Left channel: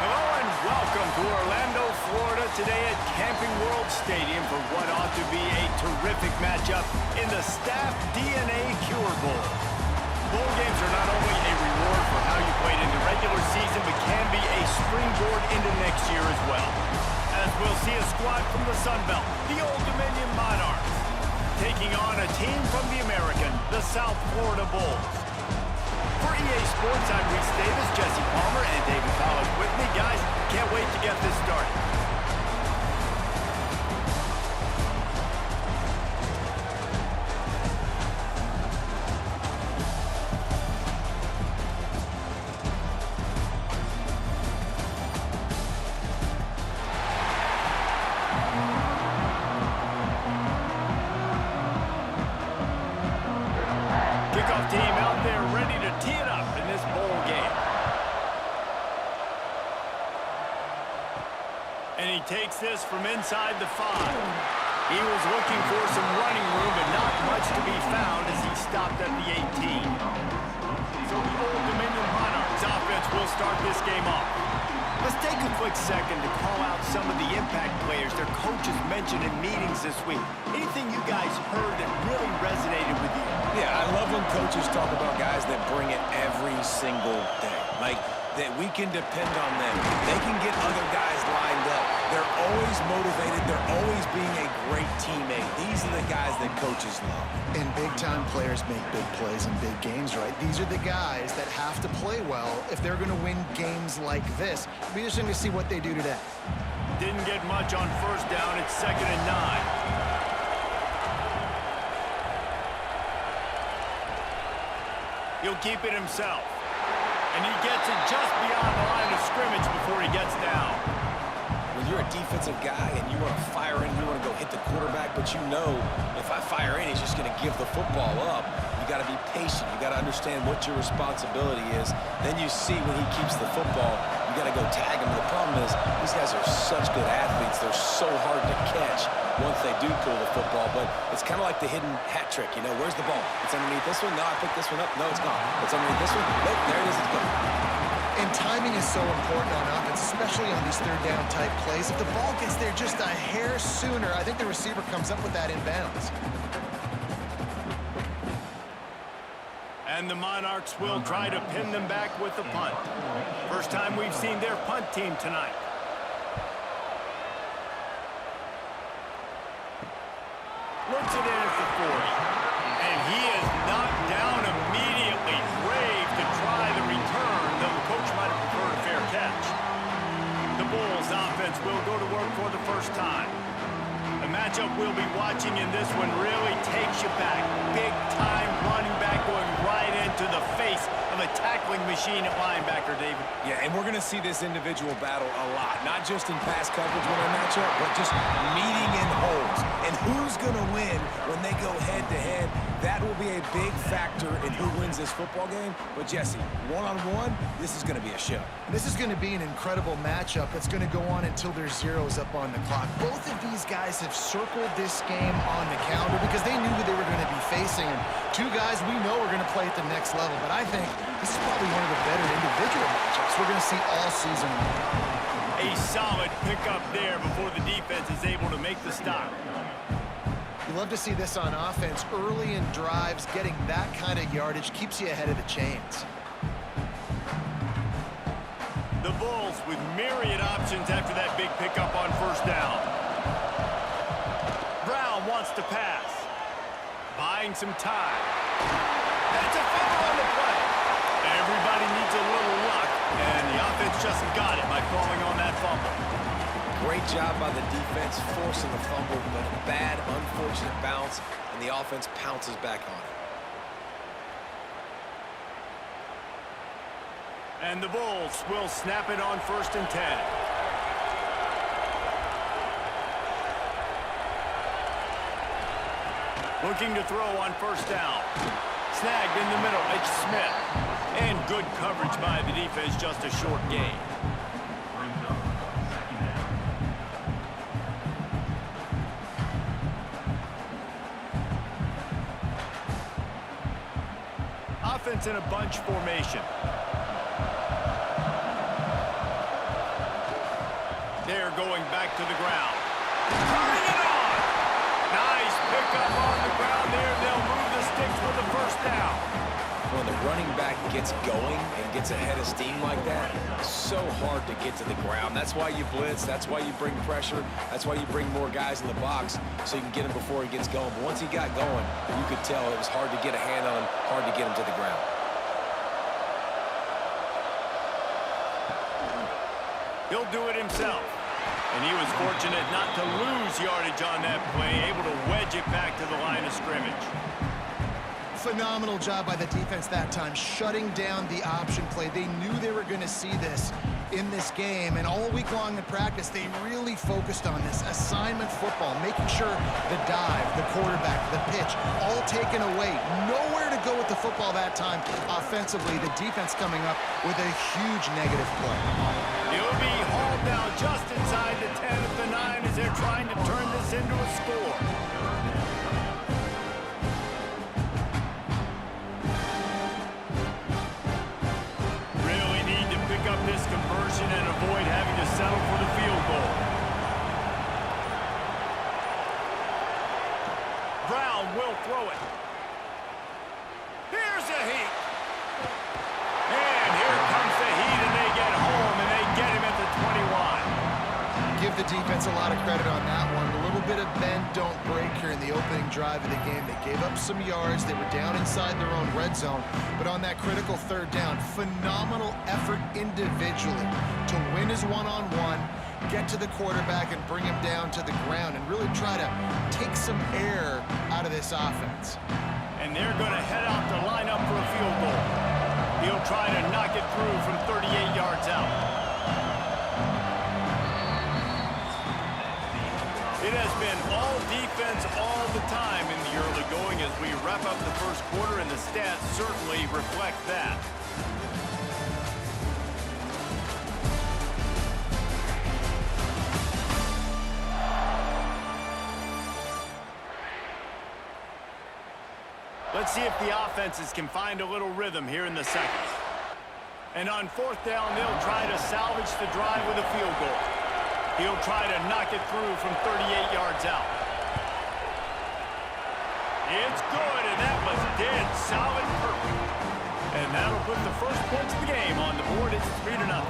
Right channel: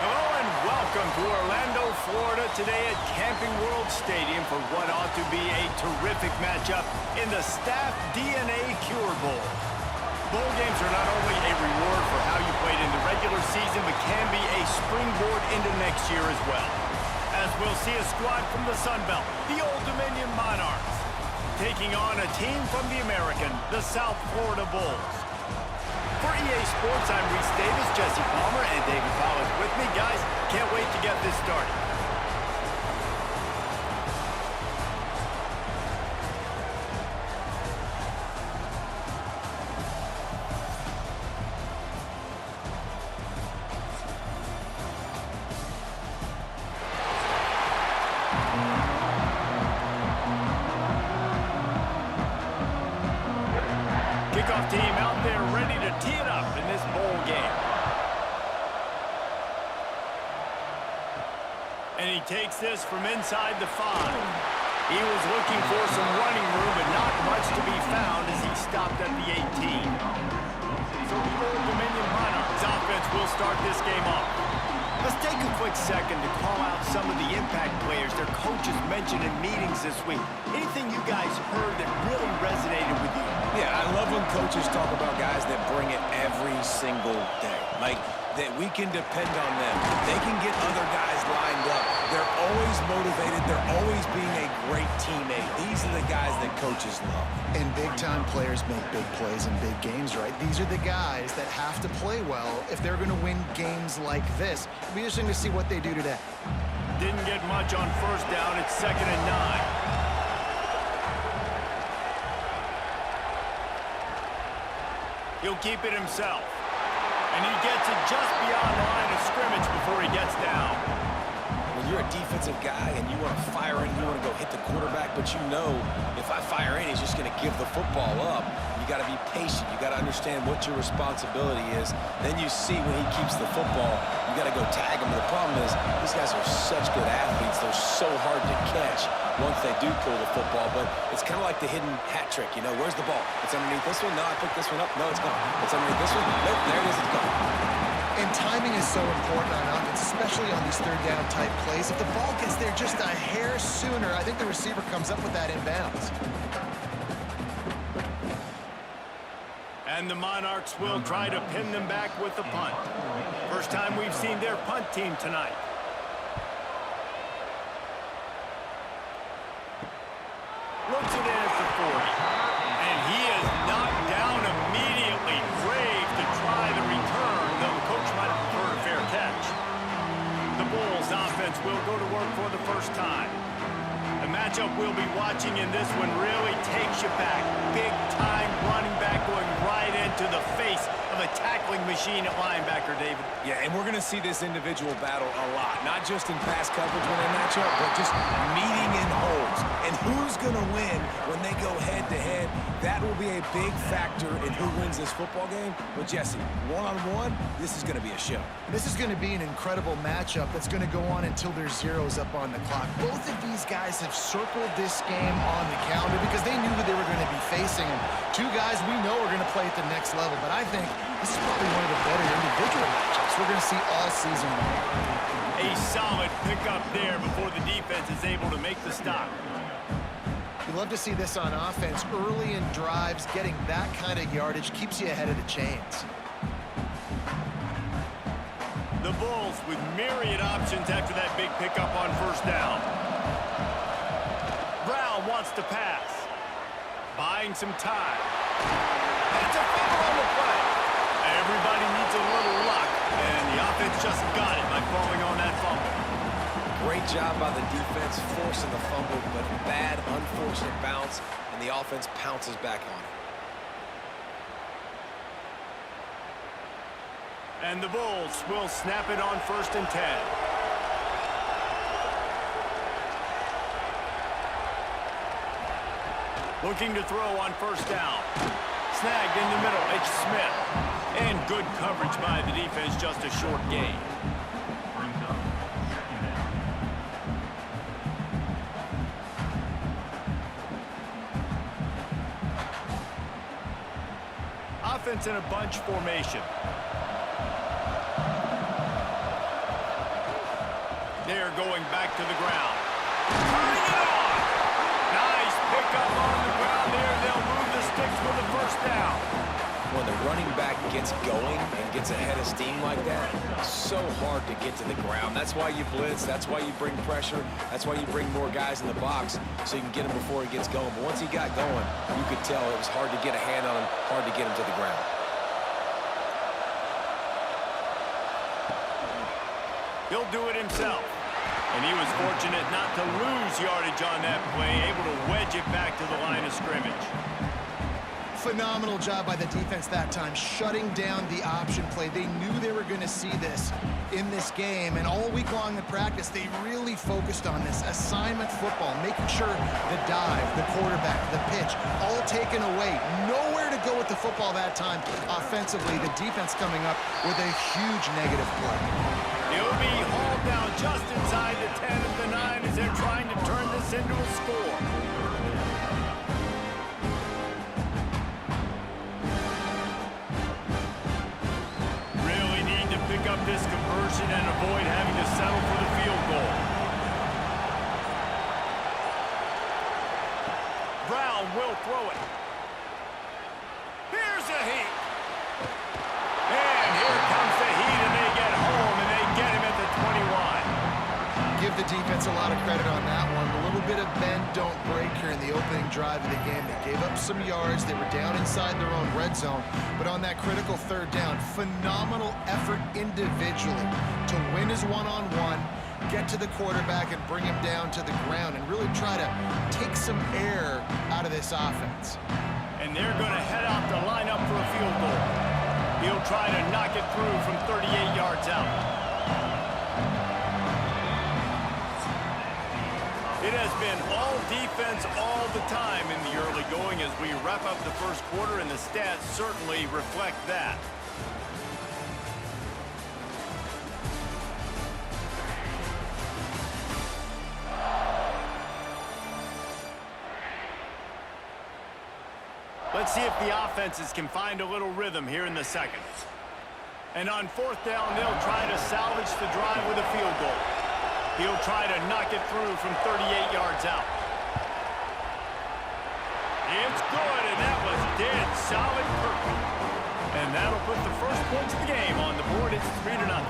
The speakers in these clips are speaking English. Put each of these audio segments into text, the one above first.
Hello and welcome to Orlando, Florida today at Camping World Stadium for what ought to be a terrific matchup in the Staff DNA Cure Bowl. Bowl games are not only a reward for how you played in the regular season, but can be a springboard into next year as well. As we'll see a squad from the Sun Belt, the Old Dominion Monarchs, taking on a team from the American, the South Florida Bulls. For EA Sports, I'm Reese Davis, Jesse Palmer, and David Pollack with me. Guys, can't wait to get this started. Kickoff team out there ready to tee it up in this bowl game. And he takes this from inside the 5. He was looking for some running room, but not much to be found as he stopped at the 18. So the Old Dominion Monarchs offense will start this game off. Let's take a quick second to call out some of the impact players their coaches mentioned in meetings this week. Anything you guys heard that really resonated with you? Yeah, I love when coaches talk about guys that bring it every single day. Like, that we can depend on them. They can get other guys lined up. They're always motivated. They're always being a great teammate. These are the guys that coaches love. And big-time players make big plays in big games, right? These are the guys that have to play well if they're going to win games like this. It'll be interesting to see what they do today. Didn't get much on first down. It's 2nd and 9. He'll keep it himself. And he gets it just beyond the line of scrimmage before he gets down. When you're a defensive guy and you want to fire in, you want to go hit the quarterback, but you know if I fire in, he's just going to give the football up. You got to be patient. You got to understand what your responsibility is. Then you see when he keeps the football, you got to go tag him. The problem is these guys are such good athletes. They're so hard to catch once they do pull the football, but it's kind of like the hidden hat trick. You know, where's the ball? It's underneath this one. No, I picked this one up. No, it's gone. It's underneath this one. Nope, there it is. It's gone. And timing is so important on offense, especially on these third-down type plays. If the ball gets there just a hair sooner, I think the receiver comes up with that inbounds. And the Monarchs will try to pin them back with the punt. First time we've seen their punt team tonight. Looks it in at the 40. And he is knocked down immediately. Brave to try the return, though the coach might have preferred a fair catch. The Bulls offense will go to work for the first time. The matchup we'll be watching in this one really takes you back. Big-time running back going right into the face of a tackling machine at linebacker, David. Yeah, and we're going to see this individual battle a lot. Not just in pass coverage when they match up, but just meeting in holes. And who's going to win when they go head-to-head? That will be a big factor in who wins this football game. But, Jesse, one-on-one, this is going to be a show. And this is going to be an incredible matchup that's going to go on until there's zeros up on the clock. Both of these guys have circled this game on the calendar because they knew who they were going to be facing. And two guys we know are going to play at the next level. But I think this is probably one of the better individual matchups we're going to see all season long. A solid pickup there before the defense is able to make the stop. You love to see this on offense. Early in drives, getting that kind of yardage keeps you ahead of the chains. The Bulls with myriad options after that big pickup on first down. Brown wants to pass. Buying some time. And it's a fumble on the play. Everybody needs a little luck, and the offense just got it by falling on that fumble. Great job by the defense forcing the fumble, but a bad, unfortunate bounce, and the offense pounces back on it. And the Bulls will snap it on 1st and 10. Looking to throw on first down. Snagged in the middle, H. Smith. And good coverage by the defense, just a short gain. Offense in a bunch formation. there going back to the ground. Turning it on. Nice pickup on the ground there. They'll move the sticks for the first down. When the running back gets going and gets ahead of steam like that, it's so hard to get to the ground. That's why you blitz. That's why you bring pressure. That's why you bring more guys in the box so you can get him before he gets going. But once he got going, you could tell it was hard to get a hand on him, hard to get him to the ground. He'll do it himself. And he was fortunate not to lose yardage on that play, able to wedge it back to the line of scrimmage. Phenomenal job by the defense that time, shutting down the option play. They knew they were going to see this in this game, and all week long in practice, they really focused on this assignment football, making sure the dive, the quarterback, the pitch, all taken away. Nowhere to go with the football that time offensively. The defense coming up with a huge negative play. He'll be hauled down just inside the 10 at the 9 as they're trying to turn this into a score. Really need to pick up this conversion and avoid having to settle for the field goal. Brown will throw it. Here's a heat. And here comes the heat, and they get home, and they get him at the 21. Give the defense a lot of credit on that one. A little bit of bend, don't break here in the opening drive of the game. They gave up some yards. They were down inside their own red zone. But on that critical third down, phenomenal effort individually to win his one-on-one, get to the quarterback and bring him down to the ground and really try to take some air out of this offense. And they're going to head out to line up for a field goal. He'll try to knock it through from 38 yards out. It has been all defense all the time in the early going as we wrap up the first quarter, and the stats certainly reflect that. Let's see if the offenses can find a little rhythm here in the second. And on fourth down, they'll try to salvage the drive with a field goal. He'll try to knock it through from 38 yards out. It's good, and that was dead solid perfect. And that'll put the first points of the game on the board. It's 3-0.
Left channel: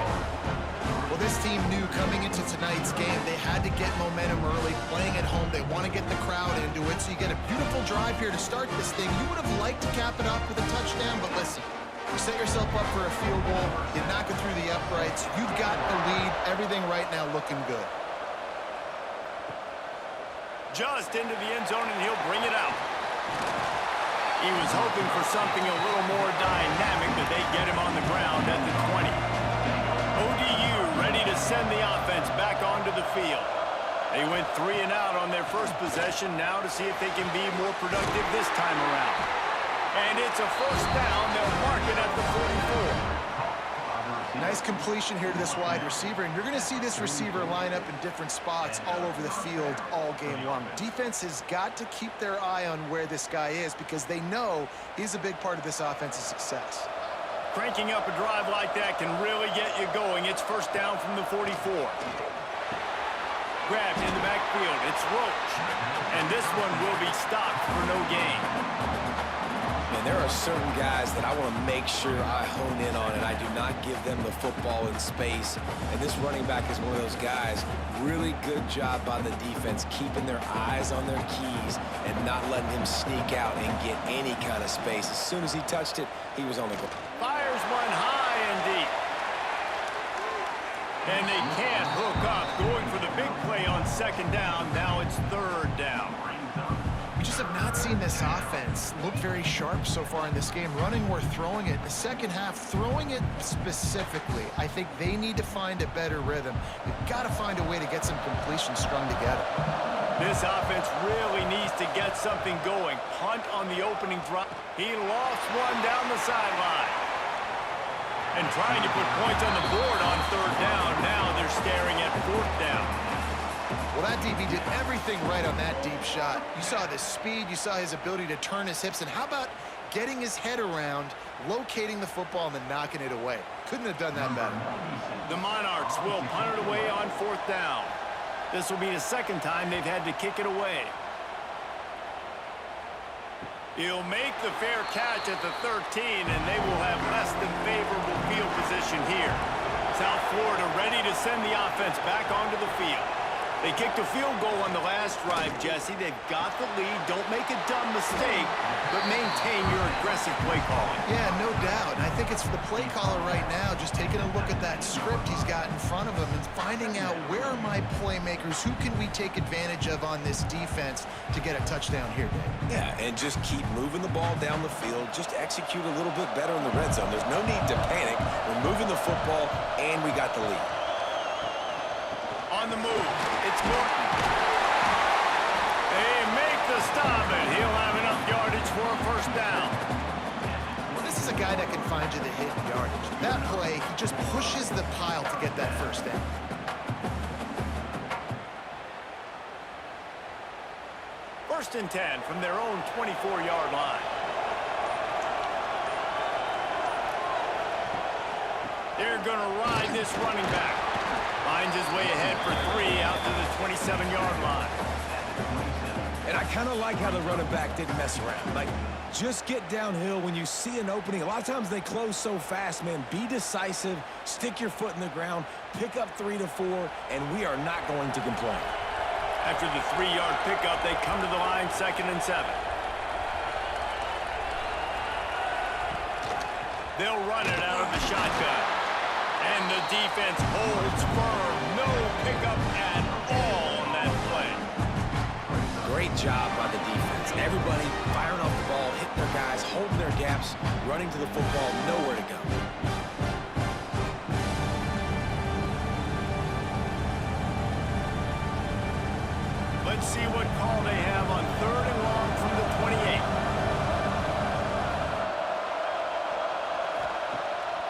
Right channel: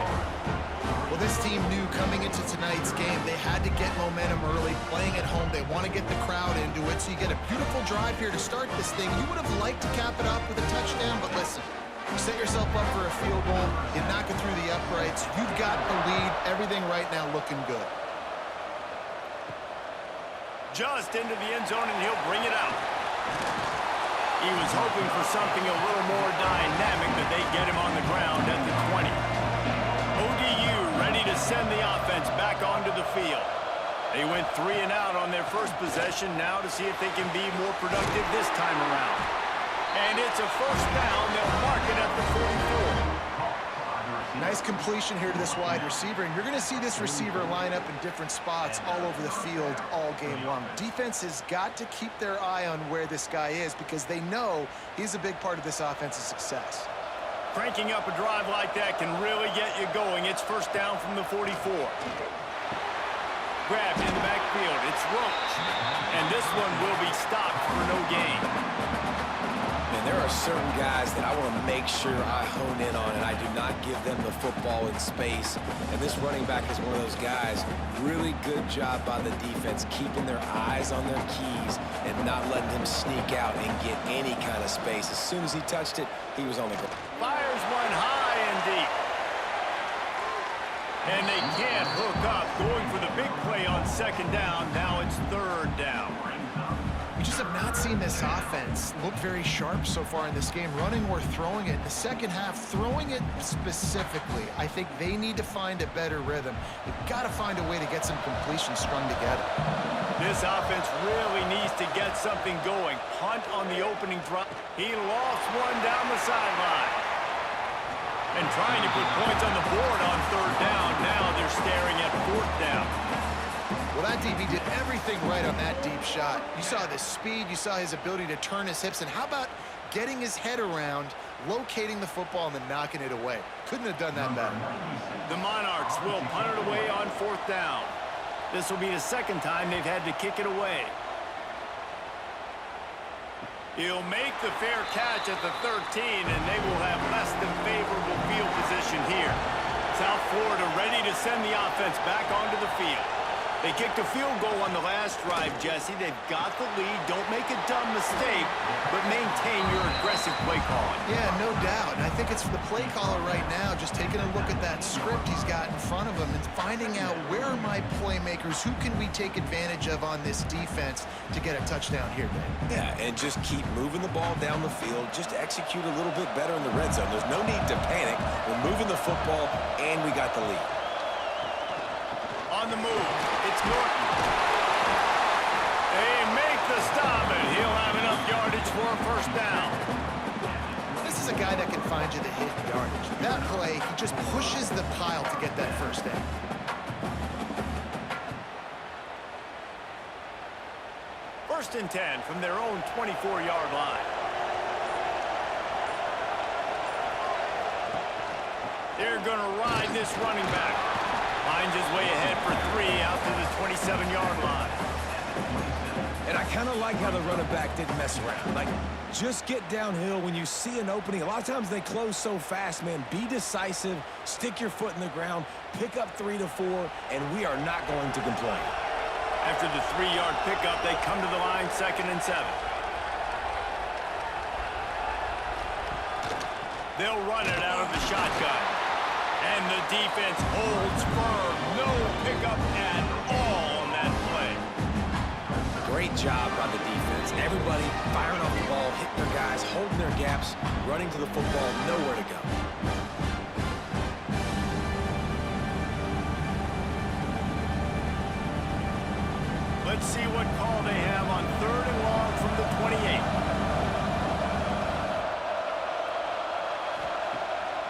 Well, this team knew coming into tonight's game they had to get momentum early, playing at home. They want to get the crowd into it, so you get a beautiful drive here to start this thing. You would have liked to cap it off with a touchdown, but listen, you set yourself up for a field goal, you knock it through the uprights, you've got the lead, everything right now looking good. Just into the end zone, and he'll bring it out. He was hoping for something a little more dynamic, but they get him on the ground at the 20. ODU ready to send the offense back onto the field. They went 3 and out on their first possession, now to see if they can be more productive this time around. And it's a first down. They'll mark it at the 44. Nice completion here to this wide receiver, and you're going to see this receiver line up in different spots all over the field all game long. Defense has got to keep their eye on where this guy is because they know he's a big part of this offense's success. Cranking up a drive like that can really get you going. It's first down from the 44. Grabbed in the backfield. It's Roach. And this one will be stopped for no gain. And there are certain guys that I want to make sure I hone in on, and I do not give them the football in space. And this running back is one of those guys. Really good job by the defense, keeping their eyes on their keys and not letting him sneak out and get any kind of space. As soon as he touched it, he was on the ground. Fires one high and deep. And they can't hook up. Going for the big play on second down. Now it's third down. We just have not seen this offense look very sharp so far in this game, running or throwing it. The second half, throwing it specifically, I think they need to find a better rhythm. You've got to find a way to get some completion strung together. This offense really needs to get something going. Punt on the opening drive. He lost one down the sideline. And trying to put points on the board on third down. Now they're staring at fourth down. Well, that DB did everything right on that deep shot. You saw the speed, you saw his ability to turn his hips, and how about getting his head around, locating the football, and then knocking it away. Couldn't have done that better. The Monarchs will punt it away on 4th down. This will be the second time they've had to kick it away. He'll make the fair catch at the 13, and they will have less than favorable field position here. South Florida ready to send the offense back onto the field. They kicked a field goal on the last drive, Jesse. They've got the lead. Don't make a dumb mistake, but maintain your aggressive play calling. Yeah, no doubt. And I think it's for the play caller right now, just taking a look at that script he's got in front of him and finding out where are my playmakers, who can we take advantage of on this defense to get a touchdown here, Dave. Yeah, and just keep moving the ball down the field. Just execute a little bit better in the red zone. There's no need to panic. We're moving the football, and we got the lead. On the move, it's Norton. They make the stop, and he'll have enough yardage for a 1st down. This is a guy that can find you the hit and yardage. That play, he just pushes the pile to get that 1st down. First and 10 from their own 24-yard line. They're going to ride this running back. Finds his way ahead for 3 out to the 27-yard line. And I kind of like how the running back didn't mess around. Like, just get downhill when you see an opening. A lot of times they close so fast, man. Be decisive, stick your foot in the ground, pick up 3 to 4, and we are not going to complain. After the 3-yard pickup, they come to the line 2nd and 7. They'll run it out of the shotgun. And the defense holds firm. No pickup at all on that play. Great job by the defense. Everybody firing off the ball, hitting their guys, holding their gaps, running to the football, nowhere to go. Let's see what call they have on 3rd and long from the 28.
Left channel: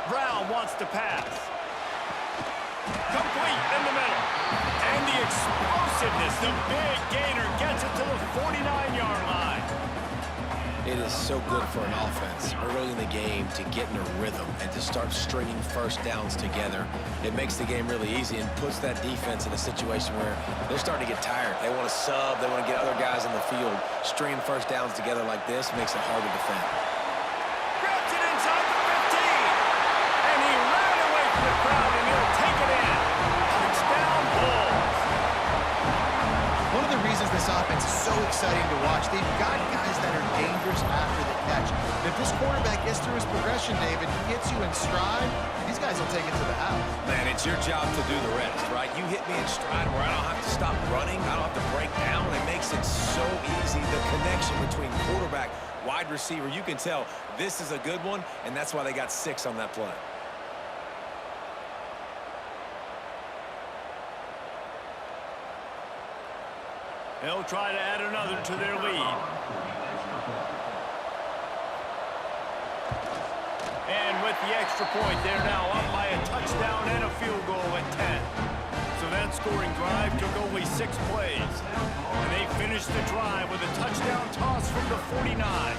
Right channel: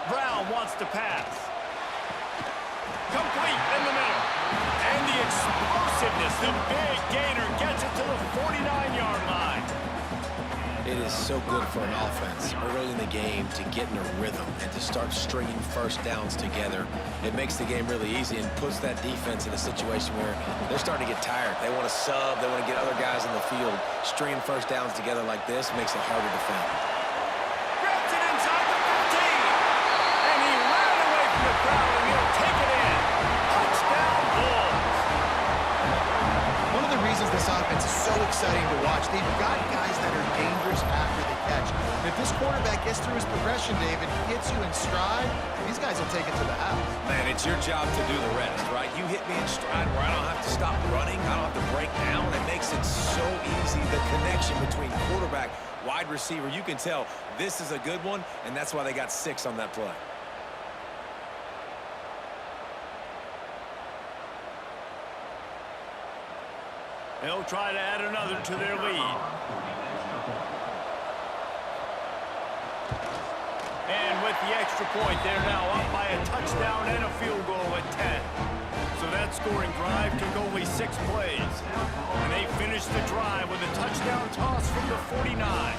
Brown wants to pass. Complete in the middle. And the explosiveness, the big gainer gets it to the 49-yard line. It is so good for an offense early in the game to get in a rhythm and to start stringing 1st downs together. It makes the game really easy and puts that defense in a situation where they're starting to get tired. They want to sub. They want to get other guys in the field. Stringing 1st downs together like this makes it hard to defend. Grabs it inside the 15. And he ran away from the crowd, and he'll take it in. Touchdown, Bulls. One of the reasons this offense is so exciting to watch, they've got guys that are dangerous after the catch. And if this quarterback gets through his progression, David, hits you in stride, these guys will take it to the house. Man, it's your job to do the rest, right? You hit me in stride where I don't have to stop running. I don't have to break down. It makes it so easy. The connection between quarterback, wide receiver, you can tell this is a good one, and that's why they got 6 on that play. They'll try to add another to their lead. And with the extra point, they're now up by a touchdown and a field goal at 10. So that scoring drive took only 6 plays. And they finished the drive with a touchdown toss from the 49.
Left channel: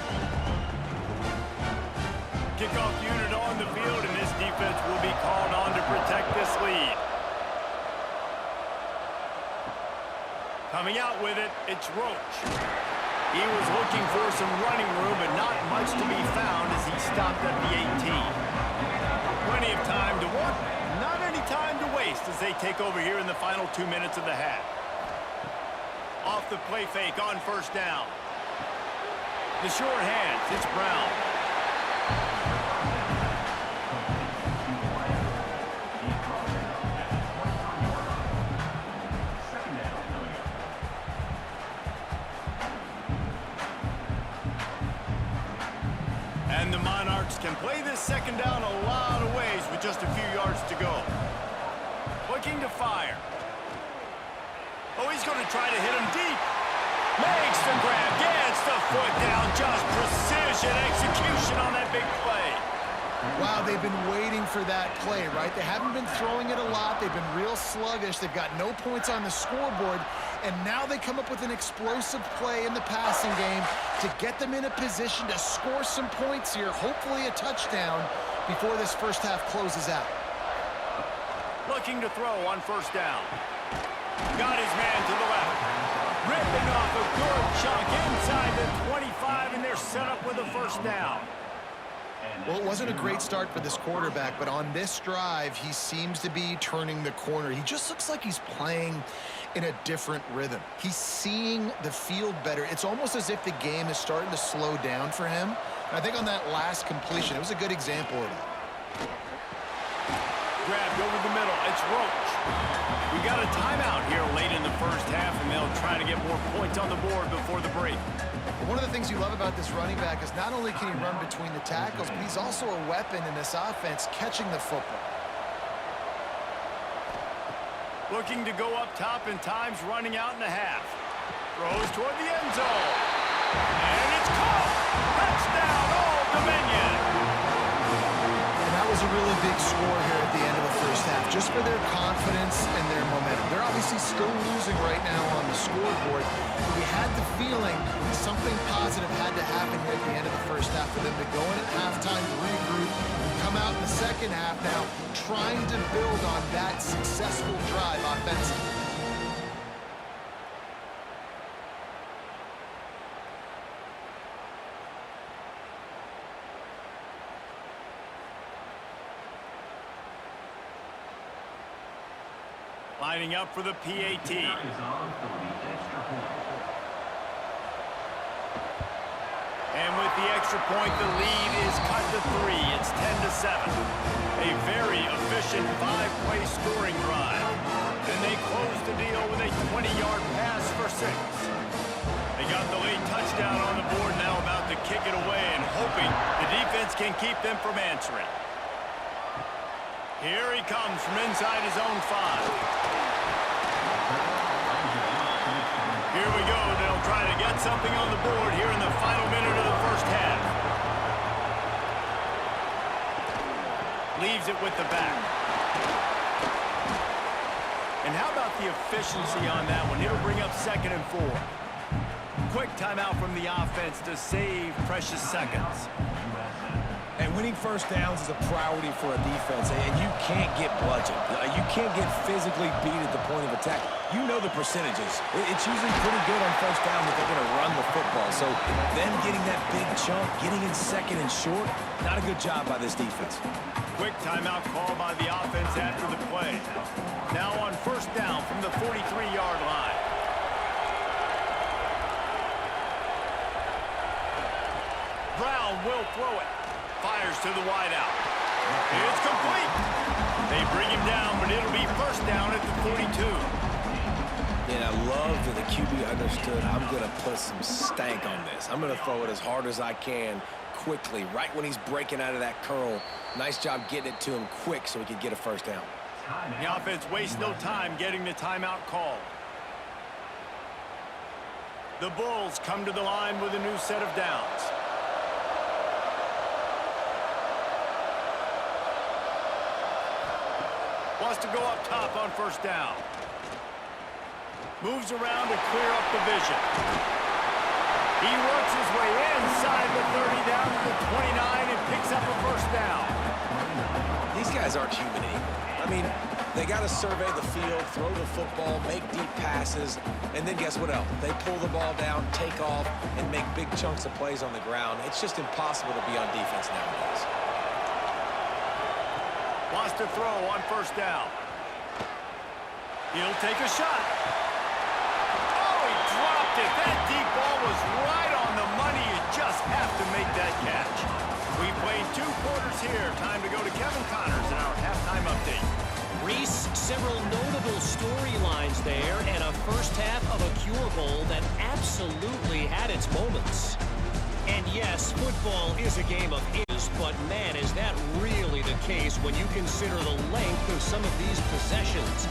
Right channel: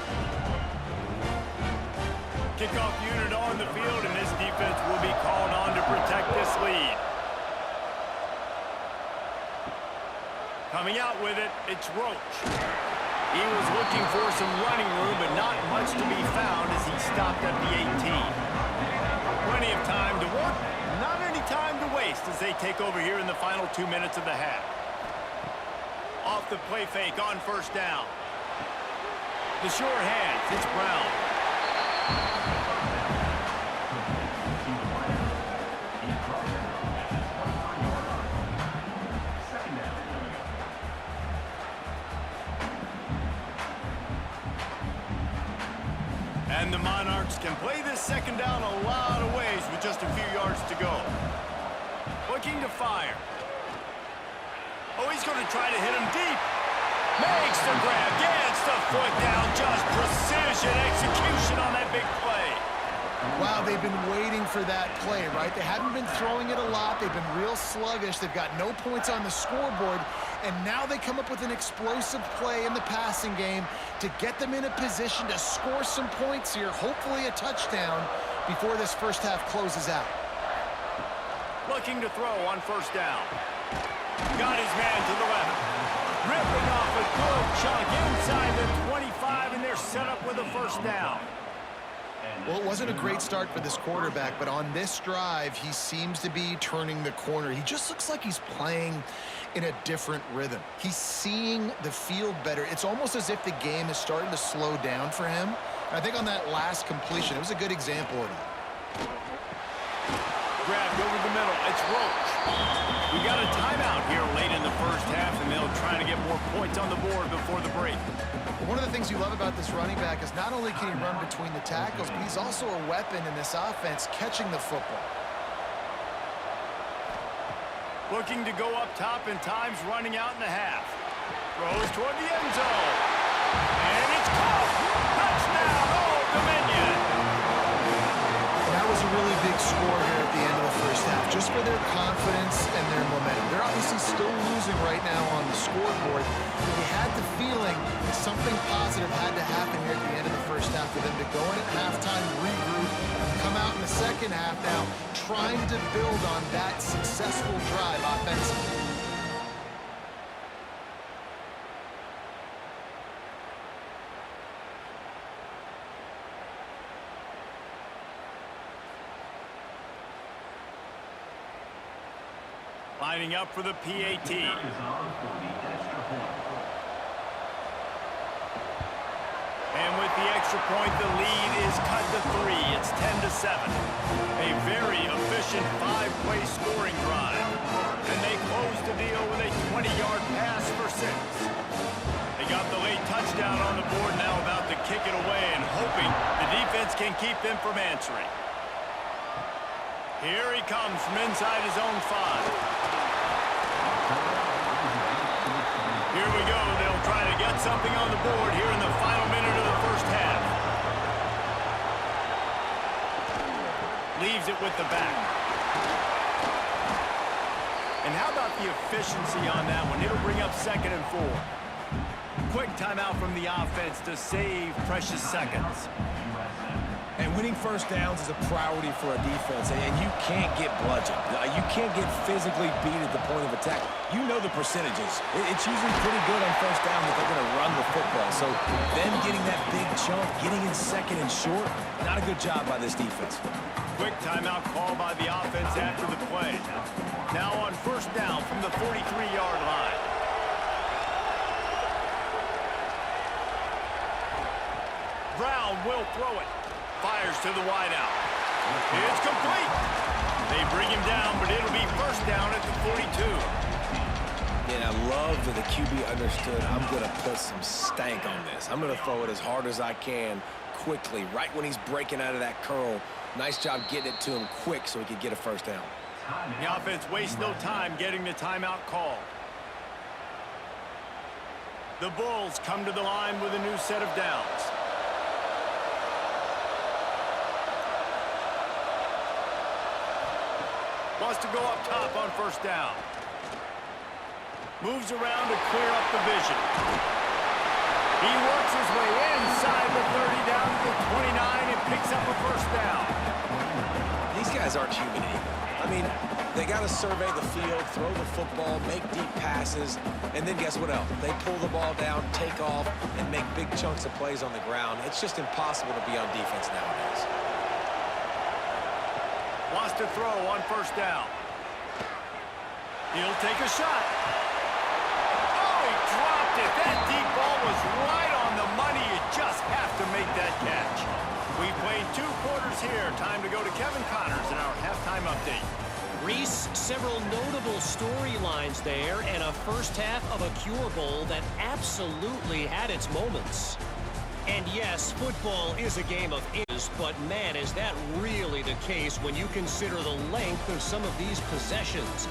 Kickoff unit on the field, and this defense will be called on to protect this lead. Coming out with it, it's Roach. He was looking for some running room, but not much to be found as he stopped at the 18. Plenty of time to work, not any time to waste as they take over here in the final 2 minutes of the half. Off the play fake on 1st down. The sure hands, it's Brown. And the Monarchs can play this 2nd down a lot of ways with just a few yards to go. Looking to fire. Oh, he's going to try to hit him deep. Makes the grab, gets the foot down, just precision execution on that big play. Wow, they've been waiting for that play, right? They haven't been throwing it a lot. They've been real sluggish. They've got no points on the scoreboard, and now they come up with an explosive play in the passing game to get them in a position to score some points here, hopefully a touchdown, before this first half closes out. Looking to throw on first down. Got his man to the left. Ripping off a good chunk inside the 25, and they're set up with a first down. Well, it wasn't a great start for this quarterback, but on this drive, he seems to be turning the corner. He just looks like he's playing in a different rhythm. He's seeing the field better. It's almost as if the game is starting to slow down for him. And I think on that last completion, it was a good example of that. Grabbed over the middle. It's Roach. We got a timeout here late in the first half, and they'll try to get more points on the board before the break. One of the things you love about this running back is not only can he run between the tackles, but he's also a weapon in this offense catching the football. Looking to go up top, and time's running out in the half. Throws toward the end zone. And it's caught. Touchdown, Old Dominion. And that was a really big score here at the end of the first half, just for their confidence and their momentum. They're obviously still losing right now on the scoreboard, but you had the feeling something positive had to happen here at the end of the first half for them to go in at halftime, regroup, and come out in the second half now trying to build on that successful drive offensively. Lining up for the PAT. And with the extra point, the lead is cut to 3. It's 10-7. A very efficient 5-play scoring drive. And they close the deal with a 20-yard pass for 6. They got the late touchdown on the board, now about to kick it away and hoping the defense can keep them from answering. Here he comes from inside his own 5. Here we go. They'll try to get something on the board here in the final minute of the first half. Leaves it with the back. And how about the efficiency on that one? It'll bring up 2nd and 4. Quick timeout from the offense to save precious seconds. And winning first downs is a priority for a defense, and you can't get bludgeoned. You can't get physically beat at the point of attack. You know the percentages. It's usually pretty good on first down that they're going to run the football. So them getting that big chunk, getting in 2nd and short, not a good job by this defense. Quick timeout call by the offense after the play. Now on first down from the 43-yard line. Brown will throw it. Fires to the wideout. It's complete. They bring him down, but it'll be first down at the 42. And I love that the QB understood, I'm going to put some stank on this. I'm going to throw it as hard as I can quickly, right when he's breaking out of that curl. Nice job getting it to him quick so he could get a first down. The offense wastes no time getting the timeout called. The Bulls come to the line with a new set of downs. Wants to go up top on first down. Moves around to clear up the vision. He works his way inside the 30 down to the 29 and picks up a first down. These guys aren't human anymore. I mean, they got to survey the field, throw the football, make deep passes, and then guess what else? They pull the ball down, take off, and make big chunks of plays on the ground. It's just impossible to be on defense nowadays. Wants to throw on first down. He'll take a shot. Oh, he dropped it. That deep ball was right on the money. You just have to make that catch. We've played 2 quarters here. Time to go to Kevin Connors in our halftime update. Reese, several notable storylines there, and a first half of a Cure Bowl that absolutely had its moments. And yes, football is a game of inches, but man, is that really the case when you consider the length of some of these possessions.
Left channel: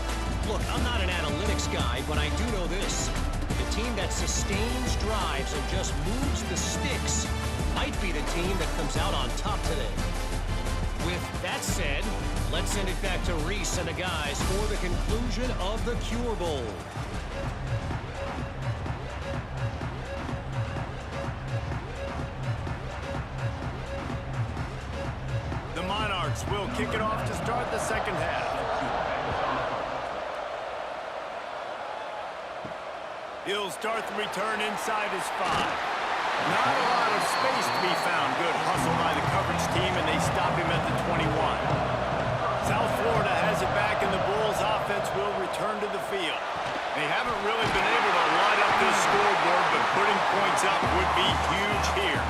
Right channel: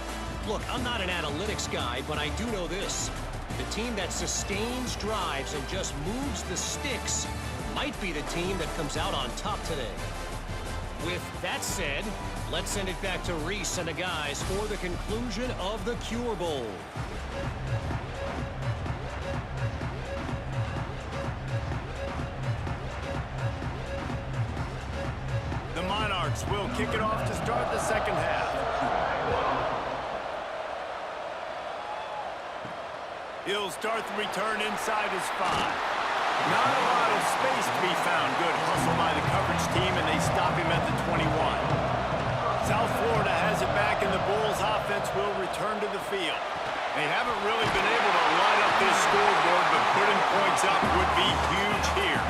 Look, I'm not an analytics guy, but I do know this. The team that sustains drives and just moves the sticks might be the team that comes out on top today. With that said, let's send it back to Reese and the guys for the conclusion of the Cure Bowl. The Monarchs will kick it off to start the second half. He'll start the return inside his 5. Not a lot of space to be found. Good hustle by the coverage team, and they stop him at the 21. South Florida has it back, and the Bulls offense will return to the field. They haven't really been able to light up this scoreboard, but putting points up would be huge here.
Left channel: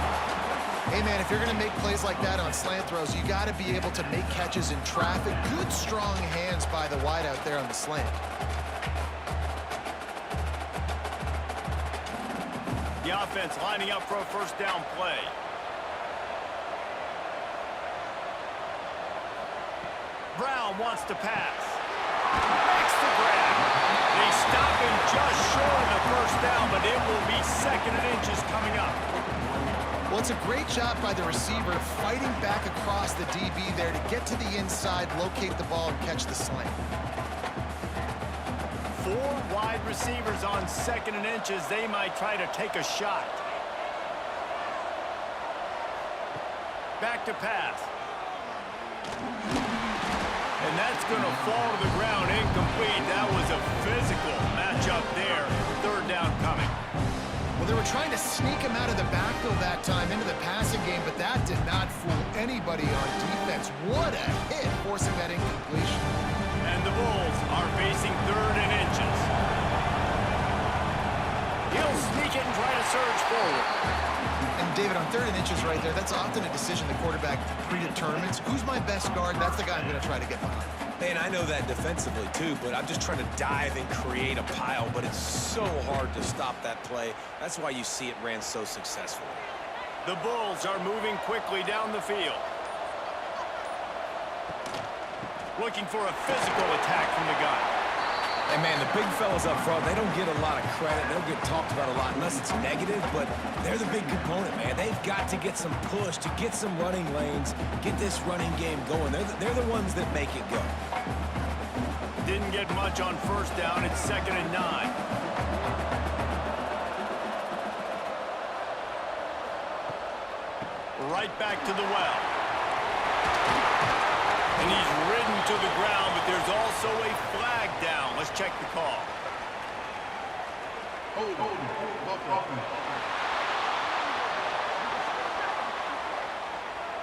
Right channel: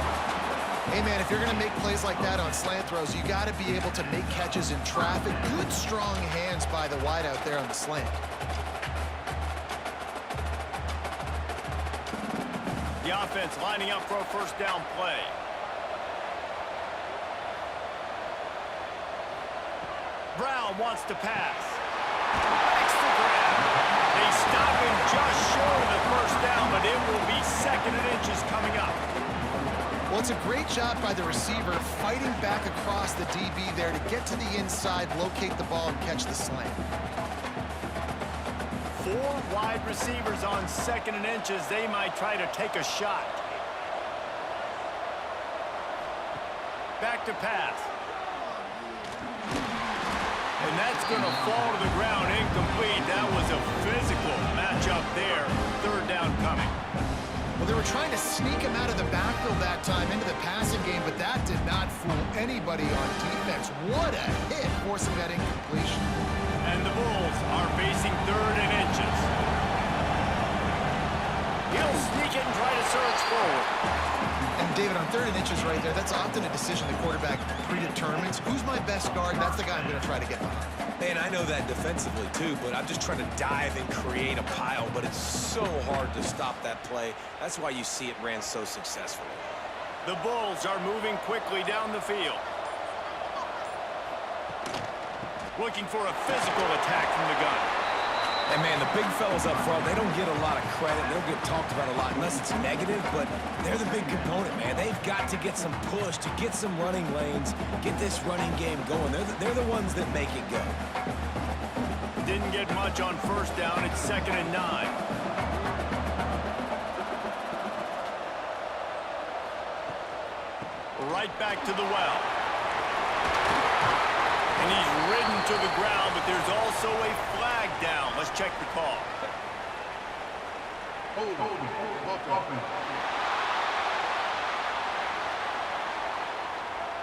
Hey, man, if you're going to make plays like that on slant throws, you got to be able to make catches in traffic. Good, strong hands by the wideout there on the slant. The offense lining up for a first down play. Brown wants to pass. Makes the grab. They stop him just short of the first down, but it will be 2nd and inches coming up. Well, it's a great job by the receiver fighting back across the DB there to get to the inside, locate the ball, and catch the slant. 4 wide receivers on 2nd and inches. They might try to take a shot. Back to pass. And that's going to fall to the ground incomplete. That was a physical matchup there. 3rd down coming. Well, they were trying to sneak him out of the backfield that time into the passing game, but that did not fool anybody on defense. What a hit, forcing that incompletion. And the Bulls are facing 3rd and inches. He'll sneak it and try to surge forward. And David, on 3rd and inches right there, that's often a decision the quarterback predetermines. Who's my best guard? That's the guy I'm going to try to get behind. Man, I know that defensively too, but I'm just trying to dive and create a pile, but it's so hard to stop that play. That's why you see it ran so successfully. The Bulls are moving quickly down the field. Looking for a physical attack from the gun. And man, the big fellas up front, they don't get a lot of credit. They don't get talked about a lot unless it's negative, but they're the big component, man. They've got to get some push, to get some running lanes, get this running game going. They're the ones that make it go. Didn't get much on 1st down. It's 2nd and 9. Right back to the well. And he's ridden to the ground, but there's also a flag down. Let's check the call. Hold on.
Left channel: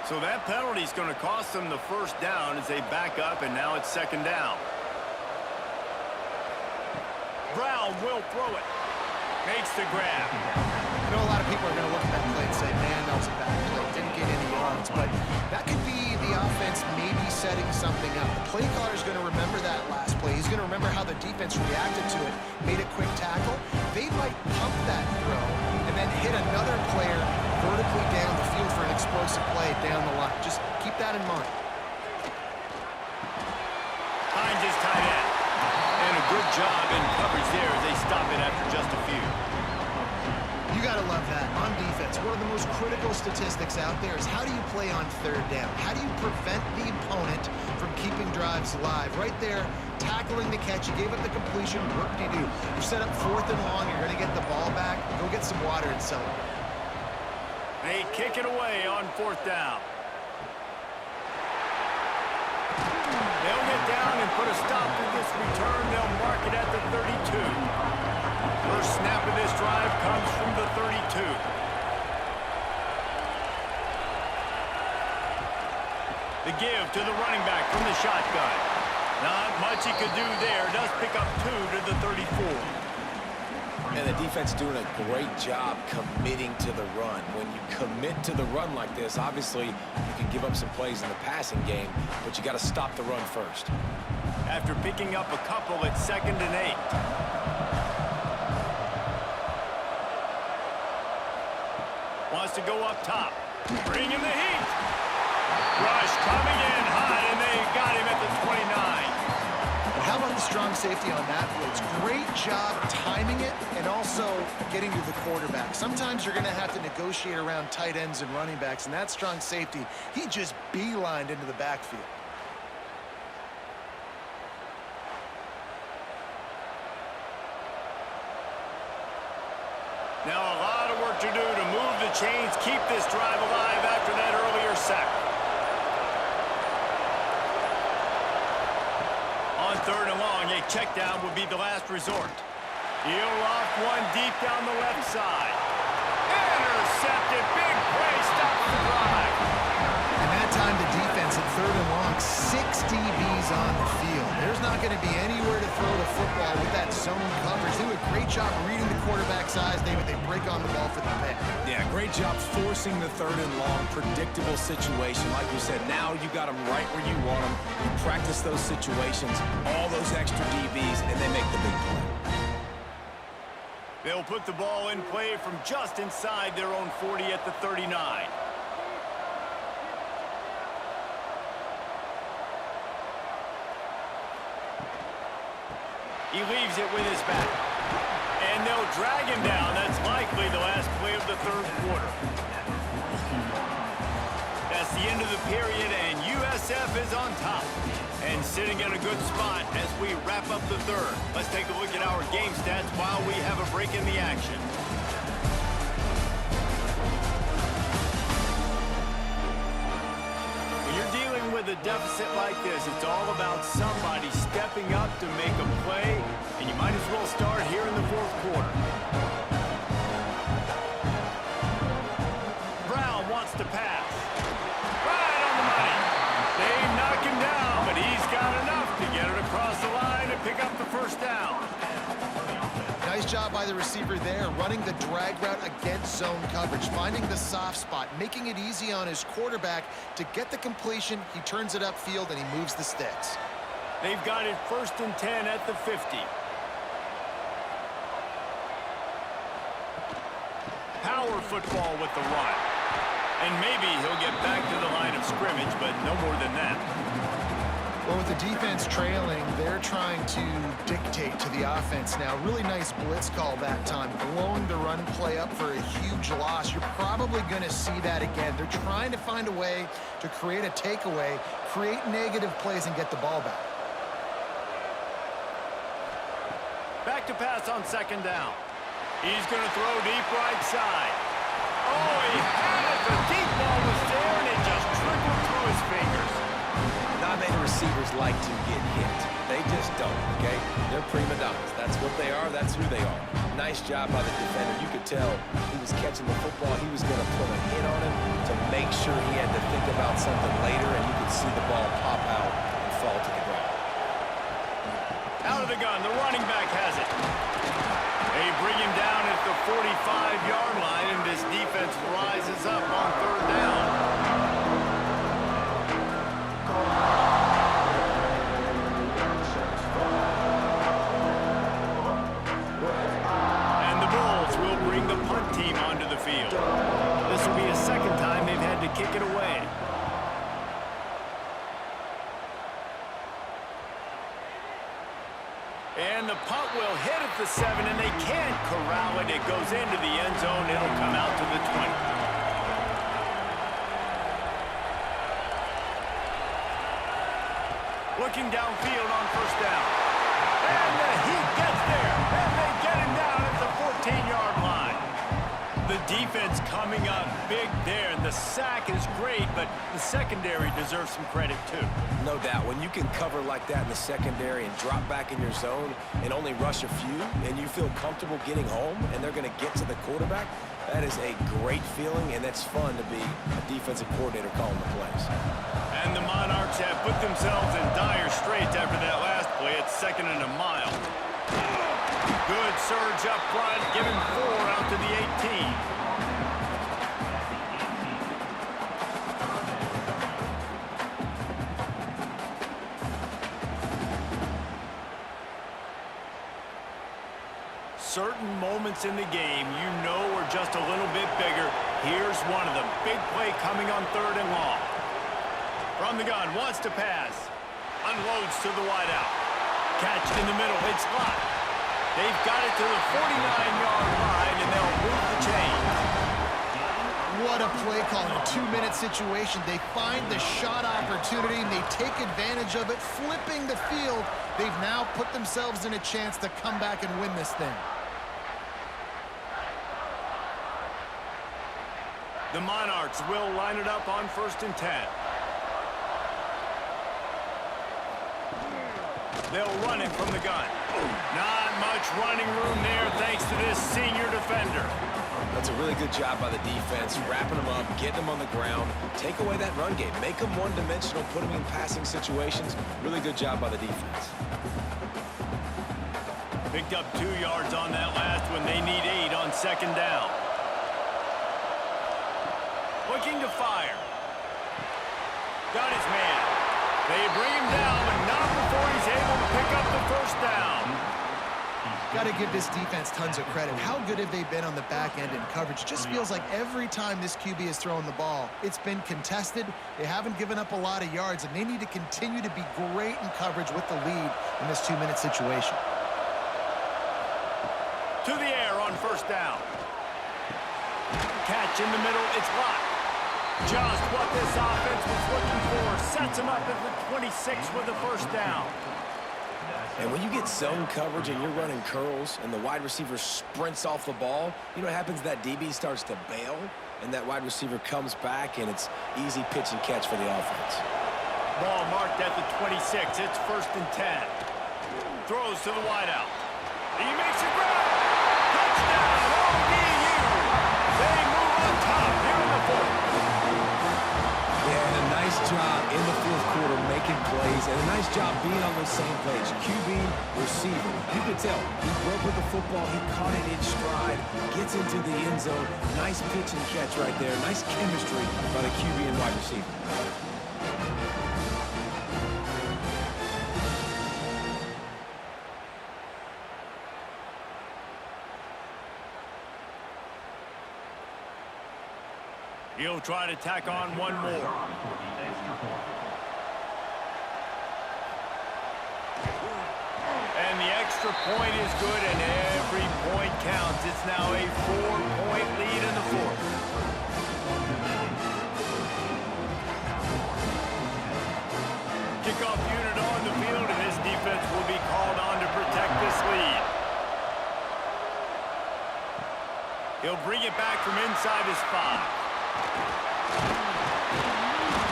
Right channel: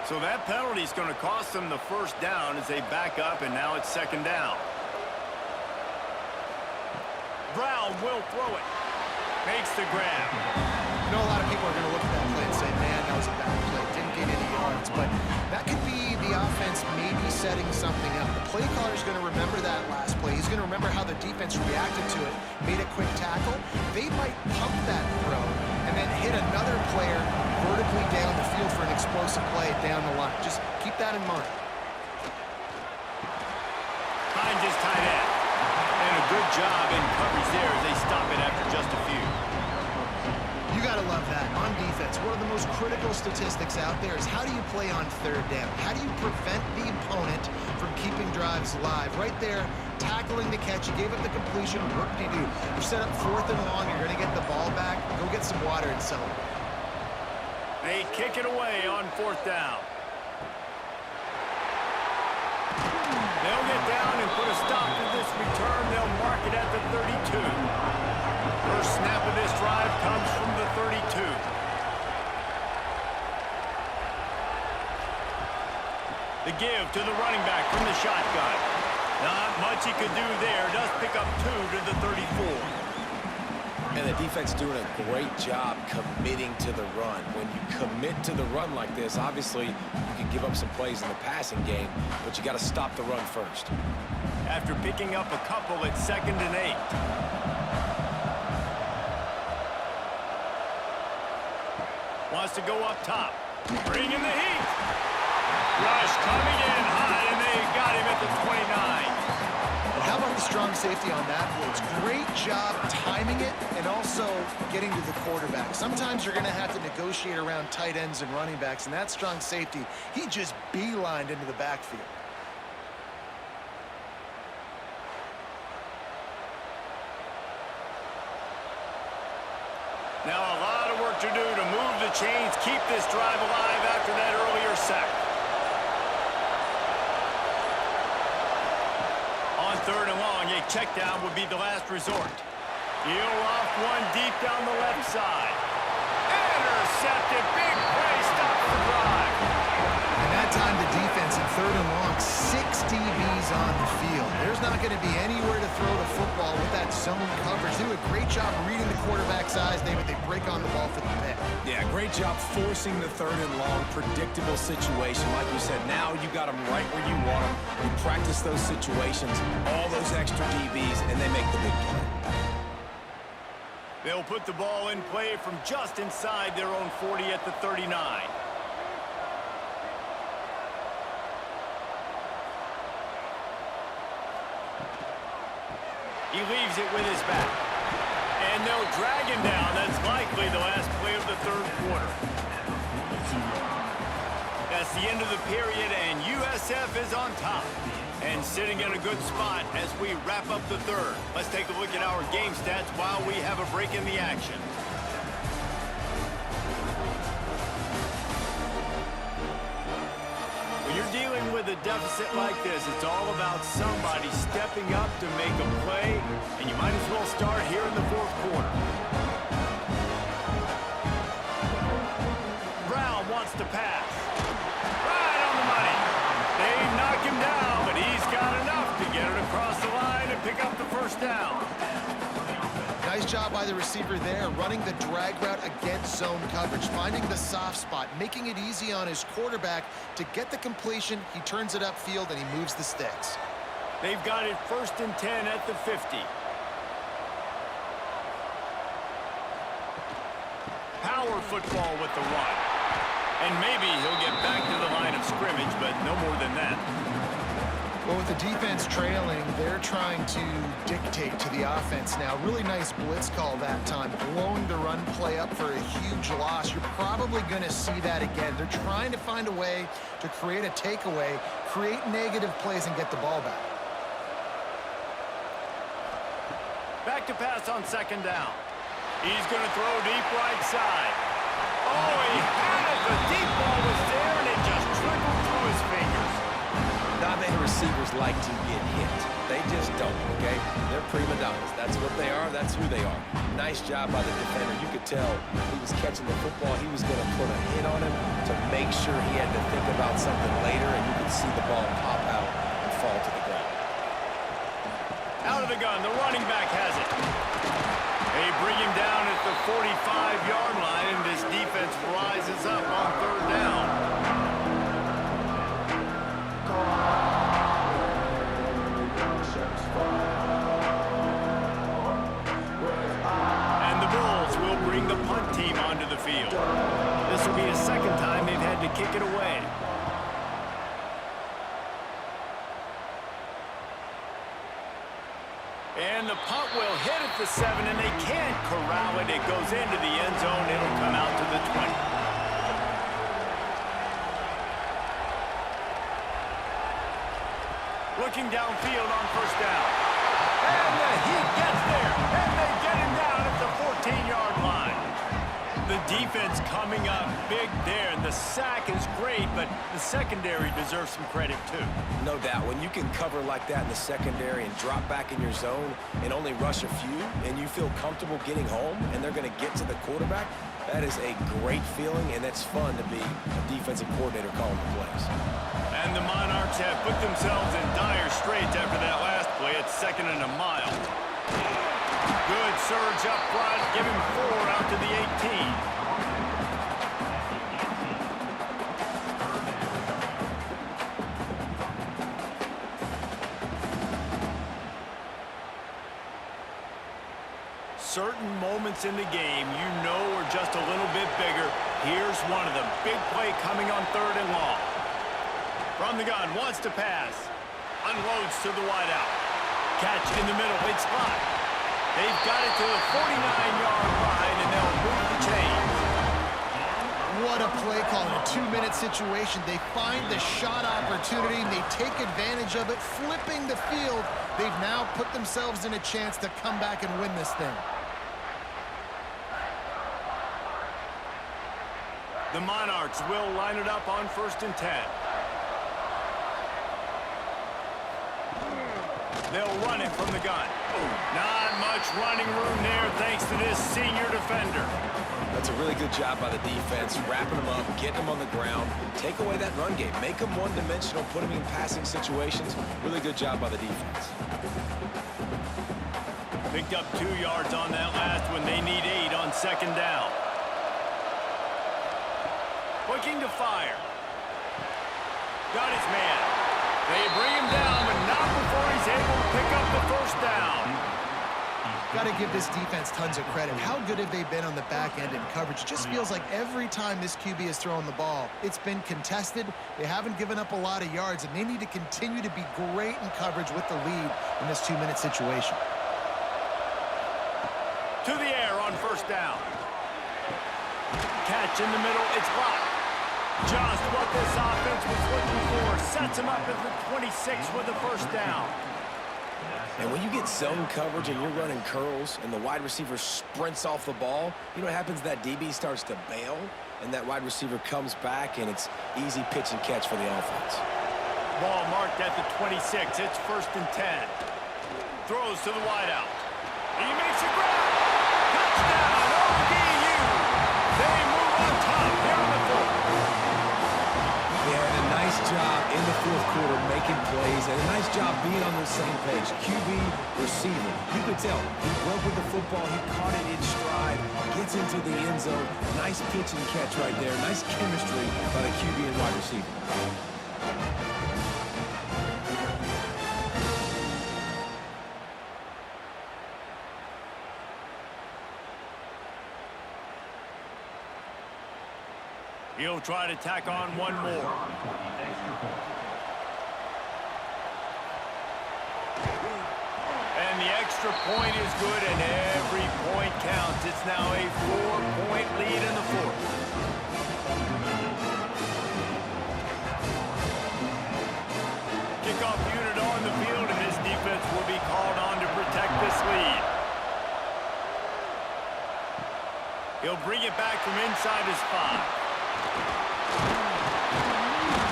So that penalty is going to cost them the 1st down as they back up, and now it's 2nd down. Brown will throw it. Makes the grab. I know a lot of people are going to look at that play and say, man, that was a bad play. Didn't gain any yards. But that could be the offense maybe setting something up. The play caller is going to remember that last play. He's going to remember how the defense reacted to it, made a quick tackle. They might pump that throw and then hit another player vertically down the field for an explosive play down the line. Just keep that in mind. Finds his tight end. And a good job in coverage there as they stop it after just a few. You got to love that. On defense, one of the most critical statistics out there is how do you play on 3rd down? How do you prevent the opponent from keeping drives alive? Right there, tackling the catch. You gave up the completion. What do you do? You set up 4th and long. You're going to get the ball back. Go get some water and celebrate. They kick it away on 4th down. They'll get down and put a stop to this return. They'll mark it at the 32. First snap of this drive comes from the 32. The give to the running back from the shotgun. Not much he could do there. Does pick up 2 to the 34. And the defense doing a great job committing to the run. When you commit to the run like this, obviously you can give up some plays in the passing game, but you got to stop the run first. After picking up a couple at 2nd and 8. Wants to go up top. Bring in the heat. Rush coming in high, and they got him at the 29. And How about the strong safety on that blitz? Great job timing it and also getting to the quarterback. Sometimes you're going to have to negotiate around tight ends and running backs, and that strong safety, he just beelined into the backfield. Now a lot of work to do to move the chains, keep this drive alive after that earlier sack. On 3rd and long, a check down would be the last resort. He'll loft one deep down the left side. Intercepted. Big play. Stops the drive. And that time the defense at 3rd and long, 6 DBs on the field. There's not going to be anywhere to throw the football with that zone coverage. They do a great job reading the quarterback's eyes, David. They break on the ball for the pick. Yeah, great job forcing the 3rd and long, predictable situation. Like you said, now you got them right where you want them. You practice those situations, all those extra DBs, and they make the big play. They'll put the ball in play from just inside their own 40 at the 39. He leaves it with his back. And they'll drag him down. That's likely the last play of the 3rd quarter. That's the end of the period, and USF is on top. And sitting in a good spot as we wrap up the 3rd. Let's take a look at our game stats while we have a break in the action. When you're dealing with a deficit like this, it's all about somebody stepping up to make a play, and you might as well start here in the 4th quarter. Brown wants to pass. Right on the money. They knock him down, but he's got enough to get it across the line and pick up the 1st down. Nice job by the receiver there, running the drag route against zone coverage, finding the soft spot, making it easy on his quarterback to get the completion. He turns it upfield, and he moves the sticks. They've got it 1st and 10 at the 50. Power football with the run. And maybe he'll get back to the line of scrimmage, but no more than that. Well, with the defense trailing, they're trying to dictate to the offense now. Really nice blitz call that time, blowing the run play up for a huge loss. You're probably going to see that again. They're trying to find a way to create a takeaway, create negative plays, and get the ball back. Back to pass on 2nd down. He's going to throw deep right side. Oh, he had it. The deep ball was there, and it just trickled through his fingers. Not many receivers like to get hit. They just don't, okay? They're prima donnas. That's what they are. That's who they are. Nice job by the defender. You could tell he was catching the football. He was going to put a hit on him to make sure he had to think about something later, and you could see the ball pop out and fall to the ground. Out of the gun, the running back has it. They bring him down at the 45-yard line, and this defense rises up on 3rd down. And the Bulls will bring the punt team onto the field. This will be a 2nd time they've had to kick it away. And the punt will hit at the 7, and they can't corral it. It goes into the end zone. It'll come out to the 20. Looking downfield on 1st down. And the Heat gets there, and they get him down at the 14-yard line. The defense coming up big there, and the sack is great, but the secondary deserves some credit too. No doubt. When you can cover like that in the secondary and drop back in your zone and only rush a few, and you feel comfortable getting home, and they're going to get to the quarterback, that is a great feeling, and that's fun to be a defensive coordinator calling the plays. And the Monarchs have put themselves in dire straits after that last play. It's 2nd and a mile. Good surge up front. Give him 4 out to the 18. Certain moments in the game you know are just a little bit bigger. Here's one of them. Big play coming on 3rd and long. From the gun, wants to pass. Unloads to the wideout. Catch in the middle. It's locked. They've got it to the 49-yard line, and they'll move the chains. What a play call in a 2-minute situation. They find the shot opportunity, and they take advantage of it, flipping the field. They've now put themselves in a chance to come back and win this thing. The Monarchs will line it up on 1st and 10. They'll run it from the gun. Not much running room there thanks to this senior defender. That's a really good job by the defense, wrapping them up, getting them on the ground, take away that run game, make them one-dimensional, put them in passing situations. Really good job by the defense. Picked up 2 yards on that last one. They need 8 on 2nd down. Looking to fire. Got his man. They bring him down, but not before he's able to pick up the 1st down. Got to give this defense tons of credit. How good have they been on the back end in coverage? It just feels like every time this QB has thrown the ball, it's been contested. They haven't given up a lot of yards, and they need to continue to be great in coverage with the lead in this 2-minute situation. To the air on 1st down. Catch in the middle. It's locked. Just what this offense was looking for. Sets him up at the 26 with the 1st down. And when you get zone coverage and you're running curls and the wide receiver sprints off the ball, you know what happens? That DB starts to bail, and that wide receiver comes back, and it's easy pitch and catch for the offense. Ball marked at the 26. It's 1st and 10. Throws to the wideout. He makes a grab. Touchdown, ODU. They move on top here in the 4th. Yeah, and a nice job in the 4th quarter making plays, and a nice job being on the same page. QB, receiver. You could tell he broke with the football. He caught it in stride, gets into the end zone. Nice pitch and catch right there. Nice chemistry by the QB and wide receiver. He'll try to tack on one more. And the extra point is good, and every point counts. It's now a 4-point lead in the 4th. Kickoff unit on the field, and this defense will be called on to protect this lead. He'll bring it back from inside his 5.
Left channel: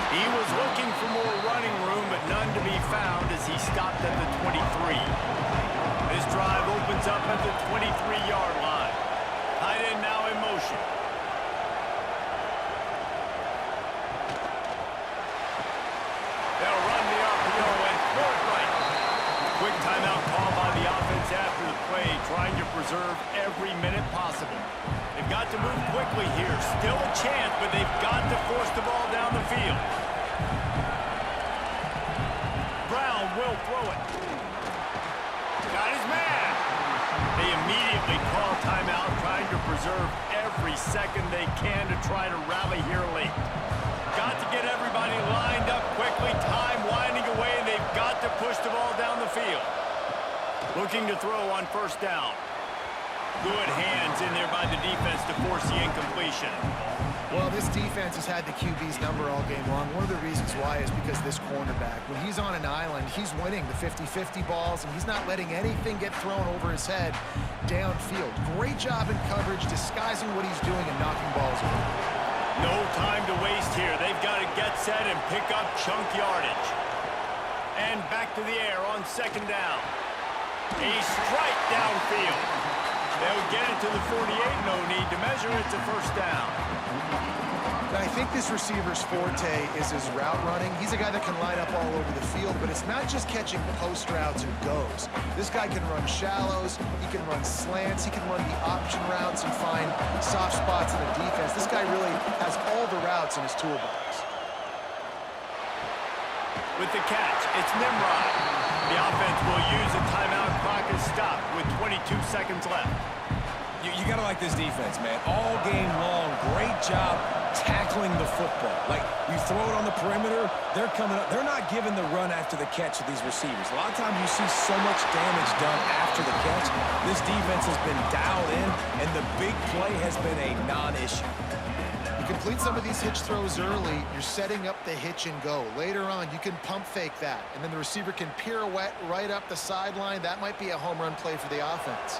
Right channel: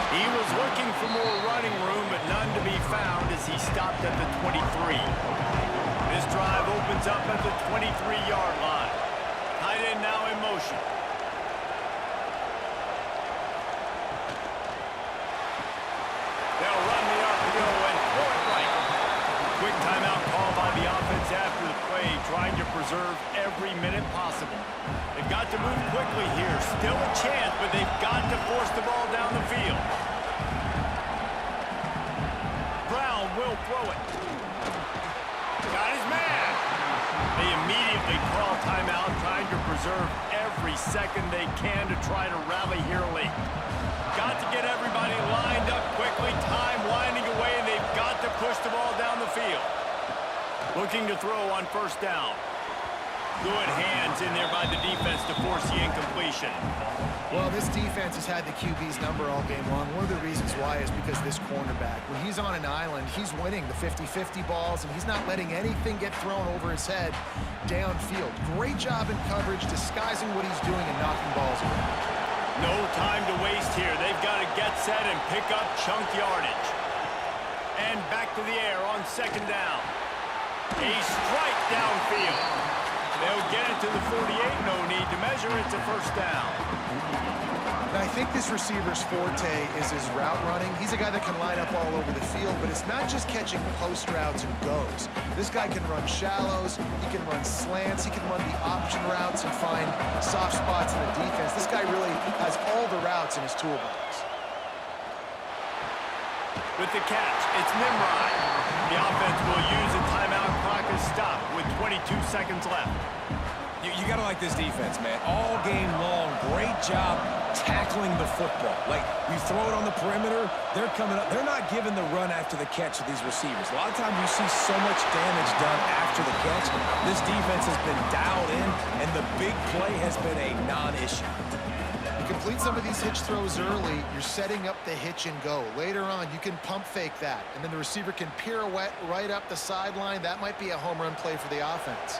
He was looking for more running room, but none to be found as he stopped at the 23. This drive opens up at the 23-yard line. Tight end now in motion. They'll run the RPO and throw it right. Quick timeout call by the offense after the play, trying to preserve every minute possible. They've got to move quickly here. Still a chance, but they've got to force the ball down the field. Brown will throw it. Got his man. They immediately call timeout, trying to preserve every second they can to try to rally here late. Got to get everybody lined up quickly. Time winding away, and they've got to push the ball down the field. Looking to throw on 1st down. Good hands in there by the defense to force the incompletion. Well, this defense has had the QB's number all game long. One of the reasons why is because this cornerback, when he's on an island, he's winning the 50-50 balls, and he's not letting anything get thrown over his head downfield. Great job in coverage, disguising what he's doing and knocking balls away. No time to waste here. They've got to get set and pick up chunk yardage. And back to the air on 2nd down. A strike downfield. They'll get it to the 48. No need to measure. It's a 1st down. And I think this receiver's forte is his route running. He's a guy that can line up all over the field, but it's not just catching post routes and goes. This guy can run shallows, he can run slants, he can run the option routes and find soft spots in the defense. This guy really has all the routes in his toolbox. With the catch, it's Nimrod. The offense will use a timeout. Clock is stopped with 22 seconds left. You got to like this defense, man. All game long, great job tackling the football. Like, you throw it on the perimeter, they're coming up. They're not giving the run after the catch with these receivers. A lot of times you see so much damage done after the catch. This defense has been dialed in, and the big play has been a non-issue. You complete some of these hitch throws early, you're setting up the hitch and go. Later on, you can pump fake that, and then the receiver can pirouette right up the sideline. That might be a home run play for the offense.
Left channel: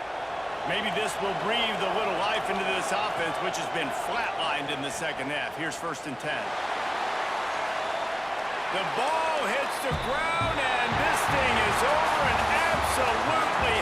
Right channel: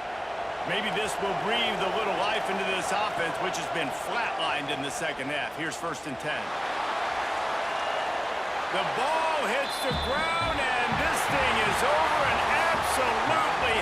Maybe this will breathe a little life into this offense, which has been flatlined in the second half. Here's 1st and 10. The ball hits the ground, and this thing is over and absolutely